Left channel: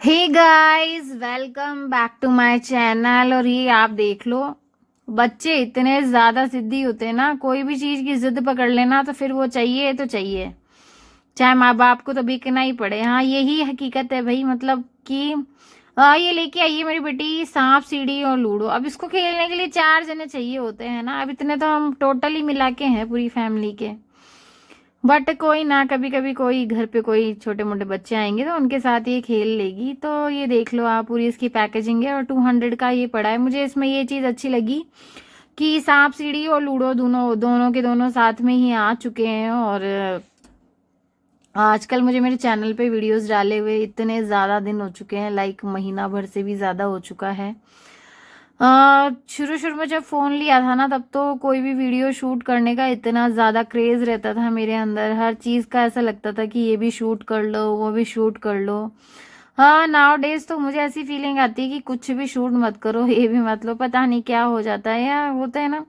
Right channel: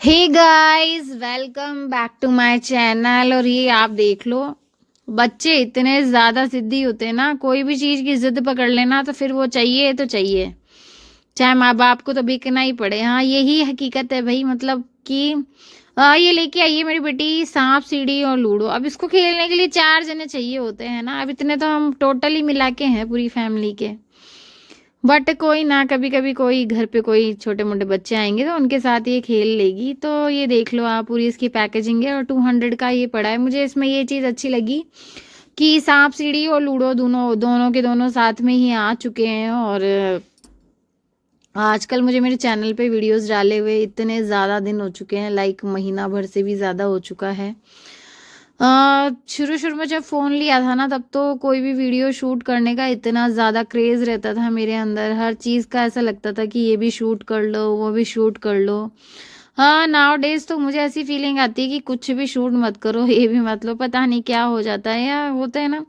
Hey guys, welcome back to my channel. और ये आप देख लो, बच्चे इतने ज्यादा जिद्दी होते हैं ना, कोई भी चीज की जिद पकड़ लेना तो फिर वो चाहिए तो चाहिए, चाहे माँ बाप को तो बिकना ही पड़े। हाँ, यही हकीकत है भाई। मतलब कि ये लेके आई है मेरी बेटी सांप सीढ़ी और लूडो। अब इसको खेलने के लिए 4 जने चाहिए होते हैं ना। अब इतने तो हम टोटली मिला के हैं पूरी फैमिली के। बट कोई ना, कभी कभी कोई घर पे कोई छोटे मोटे बच्चे आएंगे तो उनके साथ ये खेल लेगी। तो ये देख लो आप, पूरी इसकी पैकेजिंग है और 200 का ये पड़ा है। मुझे इसमें ये चीज़ अच्छी लगी कि सांप सीढ़ी और लूडो दोनों दोनों के दोनों साथ में ही आ चुके हैं। और आजकल मुझे मेरे चैनल पे वीडियोस डाले हुए इतने ज़्यादा दिन हो चुके हैं, लाइक महीना भर से भी ज़्यादा हो चुका है। शुरू शुरू में जब फ़ोन लिया था ना, तब तो कोई भी वीडियो शूट करने का इतना ज़्यादा क्रेज़ रहता था मेरे अंदर। हर चीज़ का ऐसा लगता था कि ये भी शूट कर लो, वो भी शूट कर लो। हाँ, नाउ डेज तो मुझे ऐसी फीलिंग आती है कि कुछ भी शूट मत करो, ये भी मत लो, पता नहीं क्या हो जाता है। या होता है ना,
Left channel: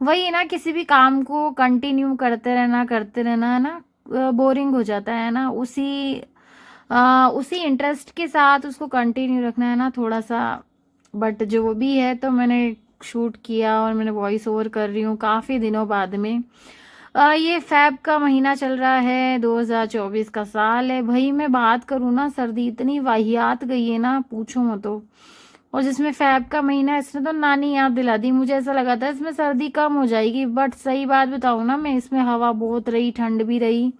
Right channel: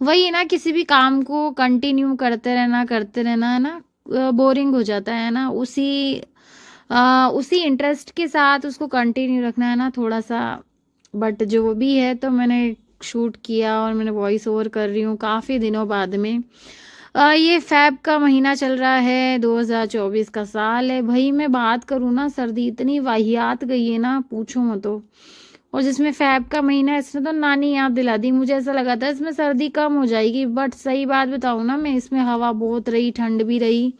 वही है ना, किसी भी काम को कंटिन्यू करते रहना है ना, बोरिंग हो जाता है ना। उसी इंटरेस्ट के साथ उसको कंटिन्यू रखना है ना थोड़ा सा। बट जो भी है, तो मैंने शूट किया और मैंने वॉइस ओवर कर रही हूँ काफ़ी दिनों बाद में। ये फैब का महीना चल रहा है, 2024 का साल है भाई। मैं बात करूँ ना, सर्दी इतनी वाहियात गई है ना, पूछो मत। तो और जिसमें फैब का महीना है, इसने तो नानी याद दिला दी। मुझे ऐसा लगा था इसमें सर्दी कम हो जाएगी, बट सही बात बताऊँ ना मैं, इसमें हवा बहुत रही, ठंड भी रही।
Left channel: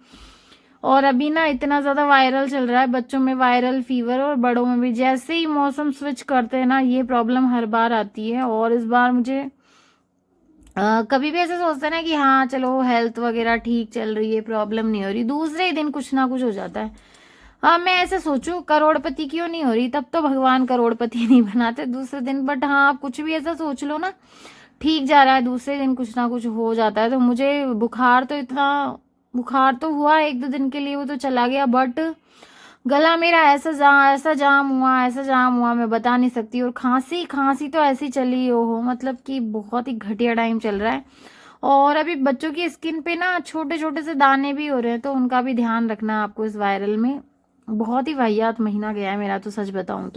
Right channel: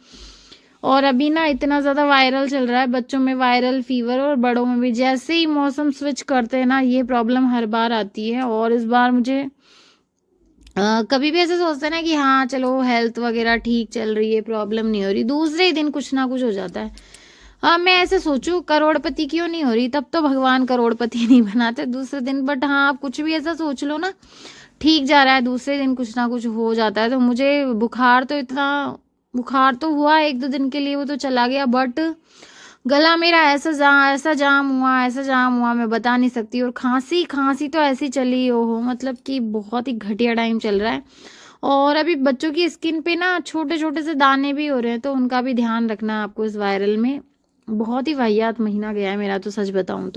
और अभी ना इतना ज़्यादा वायरल चल रहा है, बच्चों में वायरल फीवर और बड़ों में भी। जैसे ही मौसम स्विच करते हैं ना, ये प्रॉब्लम हर बार आती है। और इस बार मुझे कभी भी ऐसे सोचते हैं ना कि हाँ चलो हेल्थ वगैरह ठीक चल रही है, प्रॉब्लम नहीं हो रही, दूसरे ही दिन कुछ ना कुछ हो जाता है। हाँ, मैं ऐसे सोचूं करोड़पति क्यों नहीं हो रही, तब तो भगवान करोड़पति नहीं बनाते दूसरे दिन। बट हाँ, आप कुछ भी ऐसा सोच लो ना, ठीक जा रहा है, दूसरे दिन कुछ ना कुछ हो जाता है। तो मुझे बुखार तो हुआ 1-2 दिन के लिए, वो तो चला गया। बट गला मेरा ऐसा जाम हुआ, मैं बता नहीं सकती। और खांसी खांसी तो ऐसी चली हो, मतलब कि बहुत ही घटिया टाइम चल रहा है। और अभी बच्चों की स्किन पे ना छोटे छोटे से दाने भी हो रहे हैं, तो उनका भी ध्यान रखना है आपको इस वायरल में। बहुत ही वाहियात महीना गया है मेरा, तो सच बताऊं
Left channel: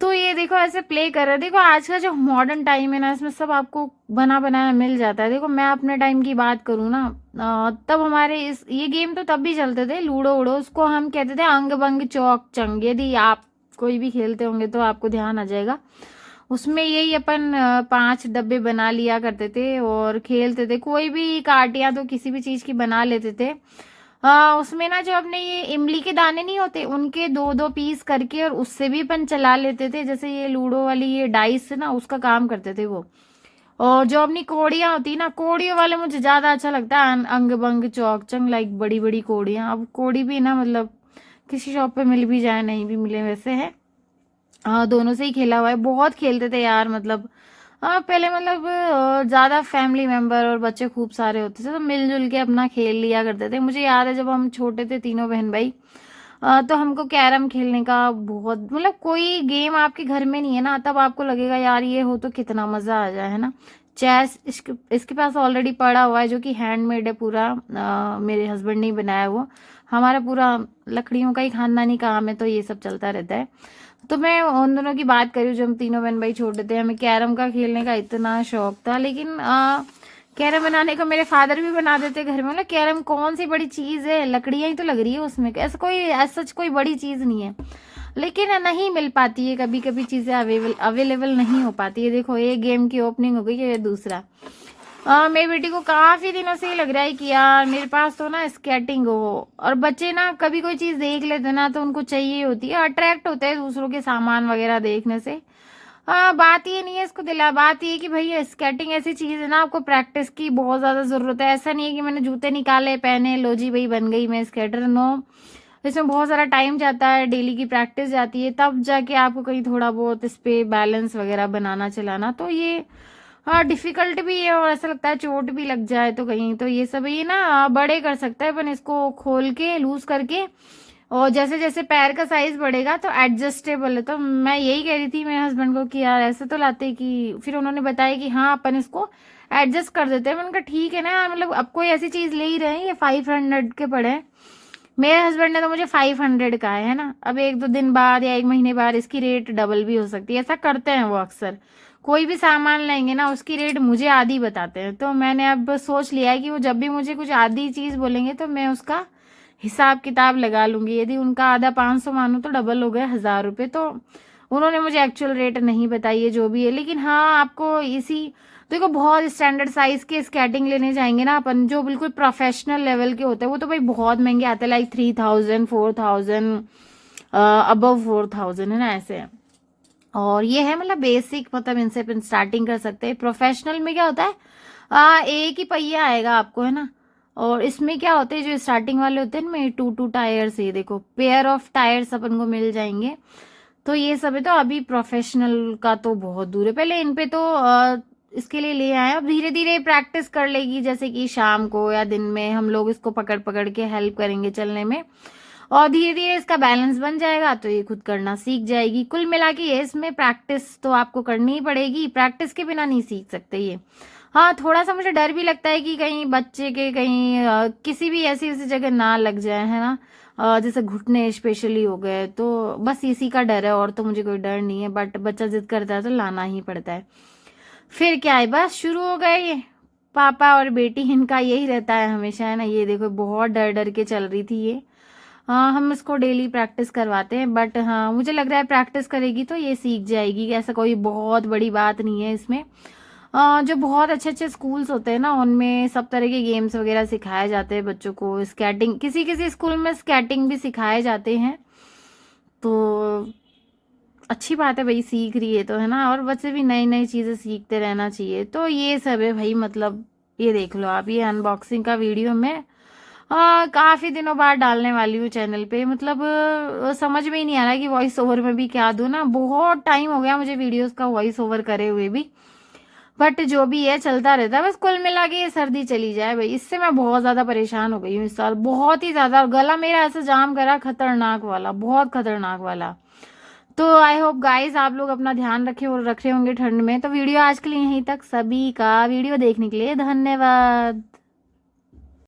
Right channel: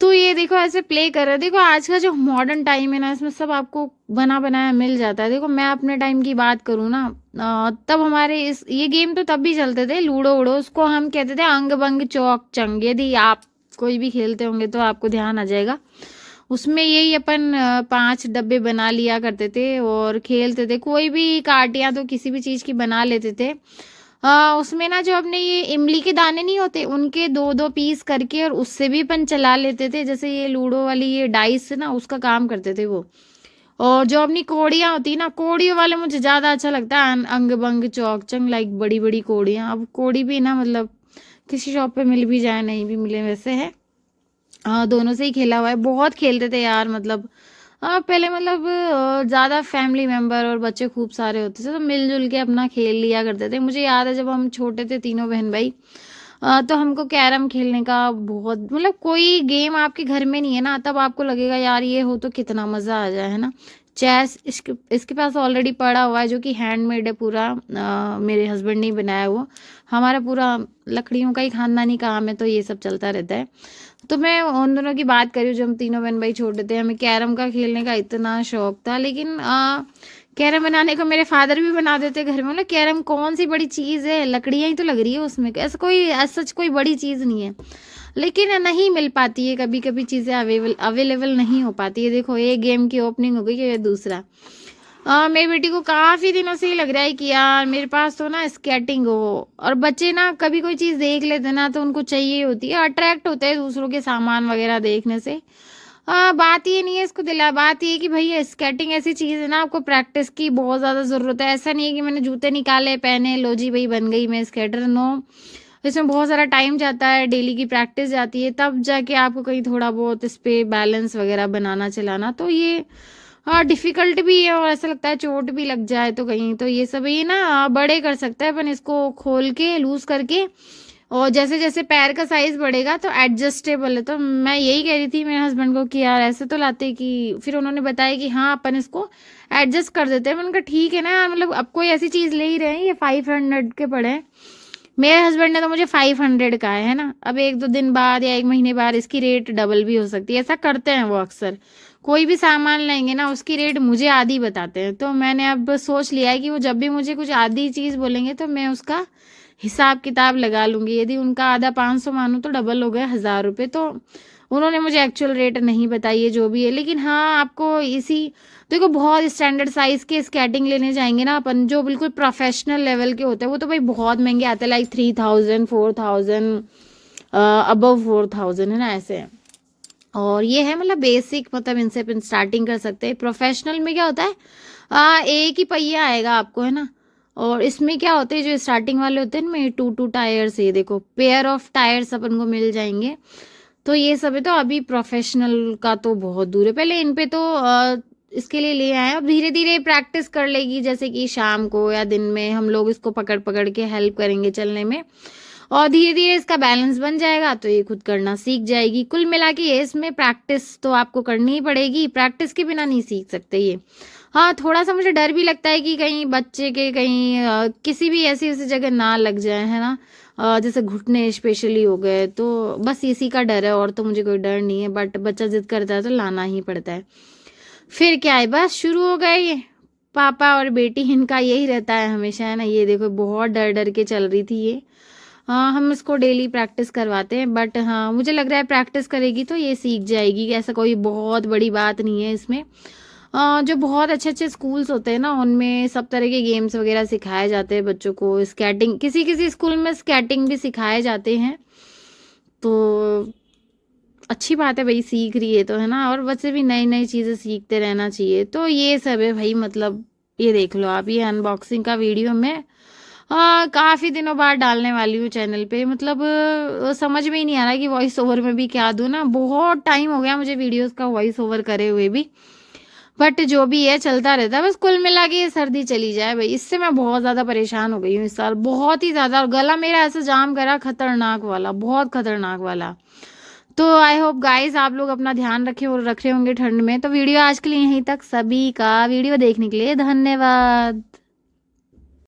तो ये देखो ऐसे प्ले कर रहे हैं। देखो आज का जो मॉडर्न टाइम है ना, इसमें सब आपको बना बनाया मिल जाता है। देखो मैं अपने टाइम की बात करूँ ना, तब हमारे ये गेम तो तब भी चलते थे, लूडो उड़ो, उसको हम कहते थे अंग बंग चौक चंग। यदि आप कोई भी खेलते होंगे तो आपको ध्यान आ जाएगा। उसमें यही अपन 5 डब्बे बना लिया करते थे और खेलते थे। कोई भी काटियां तो किसी भी चीज की बना लेते थे। उसमें ना जो अपने ये इमली के दाने नहीं होते, उनके 2-2 पीस करके और उससे भी अपन चला लेते थे। जैसे ये लूडो वाली ये डाइस है ना, उसका काम करते थे वो। और जो अपनी कोड़ियाँ होती ना, कोड़ियों वाले मुझे ज्यादा अच्छा लगता है, अंग बंग चौक चंग, लाइक बड़ी बड़ी कोड़ियाँ। अब कोड़ी भी ना, मतलब किसी शॉप पे मिल भी जाए, नहीं भी मिले, वैसे है। हाँ, दोनों से ही खेला हुआ है, बहुत खेलते थे यार। मतलब हाँ, पहले मतलब ज्यादा फैमिली मेंबर और बच्चे खूब सारे होते थे, तो मिलजुल के अपना खेल लिया करते थे। मुझे याद है जब हम छोटे थे, तीनों बहन भाई, तो हमको कैरम खेलने का बहुत, मतलब कोई गेम आपके घर में नहीं है ना, तब आपको लगेगा यार ये हो तो कितना मजा आ जाए, है ना। चेस इसके पास ऑलरेडी पड़ा हुआ है, जो कि हैंडमेड है पूरा, मेरे हस्बैंड ने ही बनाया वो। हमारा पूरा लकड़ियों का ही खानदानी काम है, तो ये सब चलता रहता है। तो मैं उन दोनों की बात करी जब हम तीनों बहन भाई छोटे थे, हमें कैरम का खेलने का इतना शौक था। लेकिन कैरम बनाने को मेरे फादर भी बना देते घर में। मतलब कैरम कौन सी बड़ी चीज़ है, लकड़ियाँ ही तो लग रही है उसमें, ऐसा कोई सच कोई बड़ी चीज़ नहीं है। लेकिन नहीं मिल पाती है, कभी कभी चीज़ें अवेलेबल नहीं हो पाती है। देखो एक गेम की ओपनिंग हो गई है, दूसरा। मेरी बेटी को काफी दिनों से ही लग रहा है कि यार मेरे पास तो ना स्केटिंग हो। और बच्चे ना कभी कोई चीज देख लेते ना, तो उनको चाहिए होती है, अट्रैक्ट होते हैं दूसरों के सामान वगैरह देखने से। बात ये नहीं है इसको दिला, बात ये है कि भैया स्केटिंग ऐसी चीज है ना, आपको प्रैक्टिस की बहुत ज्यादा जरूरत है। ऐसा नहीं है कि मैंने जूते निकाले, पहने, लो जी भाई बन गई मैं स्केटर, नो। इसमें बहुत सारा टाइम जाता है, डेली की प्रैक्टिस जाती है, तब जाके आपको कहीं थोड़ा बहुत इस पे बैलेंस वगैरह बनाना चलाना। तो ये हाँ डिफिकल्ट भी है, और ऐसा लगता है चोट भी लग जाए तो कहीं। तो ये सब ये ना बड़े कर सकता है अपन, इसको खोल के लूज करके। और जैसे जैसे पैर का साइज बढ़ेगा तो एडजस्टेबल है। तो मैं यही कह रही थी मेरे हस्बैंड को कि यार ऐसे तो लाते, कि फिर उन्होंने बताया कि हाँ अपन इसको एडजस्ट कर देते हैं। मैंने कहा ठीक है ना, मतलब अब कोई ऐसी चीज ले ही रहे हैं, ये 500 के पड़े हैं, मेरे हस्बैंड ने तो मुझे 500 का है ना, अब 1-2 दिन बाद या 1 महीने बाद इसकी रेट डबल भी हो सकती है, ऐसा करते हैं वो अक्सर। कोई भी सामान लेंगे ना उसकी रेट मुझे आधी बताते हैं, तो मैंने अब सोच लिया है कि वो जब भी मुझे कुछ आधी चीज़ बोलेंगे तो मैं उसका हिसाब किताब लगा लूँगी। यदि उनका आधा 500 मानूँ तो डबल हो गए 1000 रुपये। तो उन्होंने मुझे एक्चुअल रेट नहीं बताई है जो भी है, लेकिन हाँ आपको इसी देखो बहुत स्टैंडर्ड साइज के स्केटिंग लेने जाएंगे ना अपन, जो बिल्कुल प्रोफेशनल लेवल के होते हैं, वो तो भाई बहुत महंगे आते हैं, लाइक 3000 4000 अबव 4000 है ना, ऐसे है। और ये है मतलब बेसिक, मतलब इनसे अपन स्टार्टिंग कर सकते हैं। प्रोफेशनल में क्या होता है, एक ही पहिया आएगा आपको है ना, और इसमें क्या होते हैं जो स्टार्टिंग वाले होते हैं इनमें 2 टायर्स, ये देखो पेयर ऑफ टायर्स अपन को मिल जाएंगे। तो ये सब है, तो अभी प्रोफेशनल का तो बहुत दूर है, पहले इन पे तो इसके लिए ले आए। अब धीरे धीरे प्रैक्टिस कर लेगी, जैसे कि शाम को या दिन में हम लोग इसको पकड़ पकड़ के हेल्प करेंगे चलने में, और धीरे धीरे इसका बैलेंस बन जाएगा तो ये खुद करना सीख जाएगी। कुल मिला के ये इसमें प्रैक्टिस तो आपको करनी ही पड़ेगी, प्रैक्टिस के बिना नहीं सीख सकते ये। हाँ थोड़ा सा मुझे डर भी लगता है कि कहीं बच्चे के कहीं किसी भी ऐसी ऐसी जगह ना लग जाए है ना, जैसे घुटने स्पेशली हो गए, तो बस इसी का डर है, और तो मुझे कोई डर नहीं है, बट बच्चा जिद करता है तो लाना ही पड़ता है। फिर क्या है, बस शुरू हो गए ये पापा और बेटी, इनका यही रहता है हमेशा है ना। ये देखो बहुत डर डर के चल रही थी ये। हाँ हम इसको डेली प्रैक्टिस करवाते हैं, बट हाँ मुझे लग रहा है प्रैक्टिस करेगी तो ये सीख जाएगी, ऐसा कोई बहुत बड़ी बात नहीं है इसमें। जो बहुत अच्छे अच्छे स्कूल्स होते हैं ना उनमें सब तरह के गेम्स वगैरह सिखाए जाते हैं बच्चों को, स्केटिंग किसी किसी स्कूल में स्केटिंग भी सिखाए जाते हैं, तो अच्छी बात है भाई, सीख रही है तो है ना, और बच्चे भी नई नई चीज़ें सीखते रहना चाहिए। तो ये सब है भाई, मतलब ये देख लो आप, ये अनबॉक्सिंग का वीडियो मैं काफ़ी दिनों बाद डालने वाली हूँ चैनल पे, मतलब समझ में ही नहीं आ रहा कि वॉइस ओवर में भी क्या दूँ ना, बहुत टाइम हो गया मुझे वीडियोस का वॉइस ओवर करे हुए भी, बट जो भी है चलता रहता है। बस कुल मिला के ये सर्दी चली जाए भाई, इससे मैं बहुत ज़्यादा परेशान हो गई हूँ इस साल, बहुत ही ज़्यादा, और गला मेरा ऐसा जाम करा खतरनाक वाला, बहुत खतरनाक वाला। तो आई होप गाइस आप लोग अपना ध्यान रखे और रख रहे होंगे ठंड में। तो वीडियो आज के लिए यहीं तक, सभी का वीडियो देखने के लिए धन्यवाद।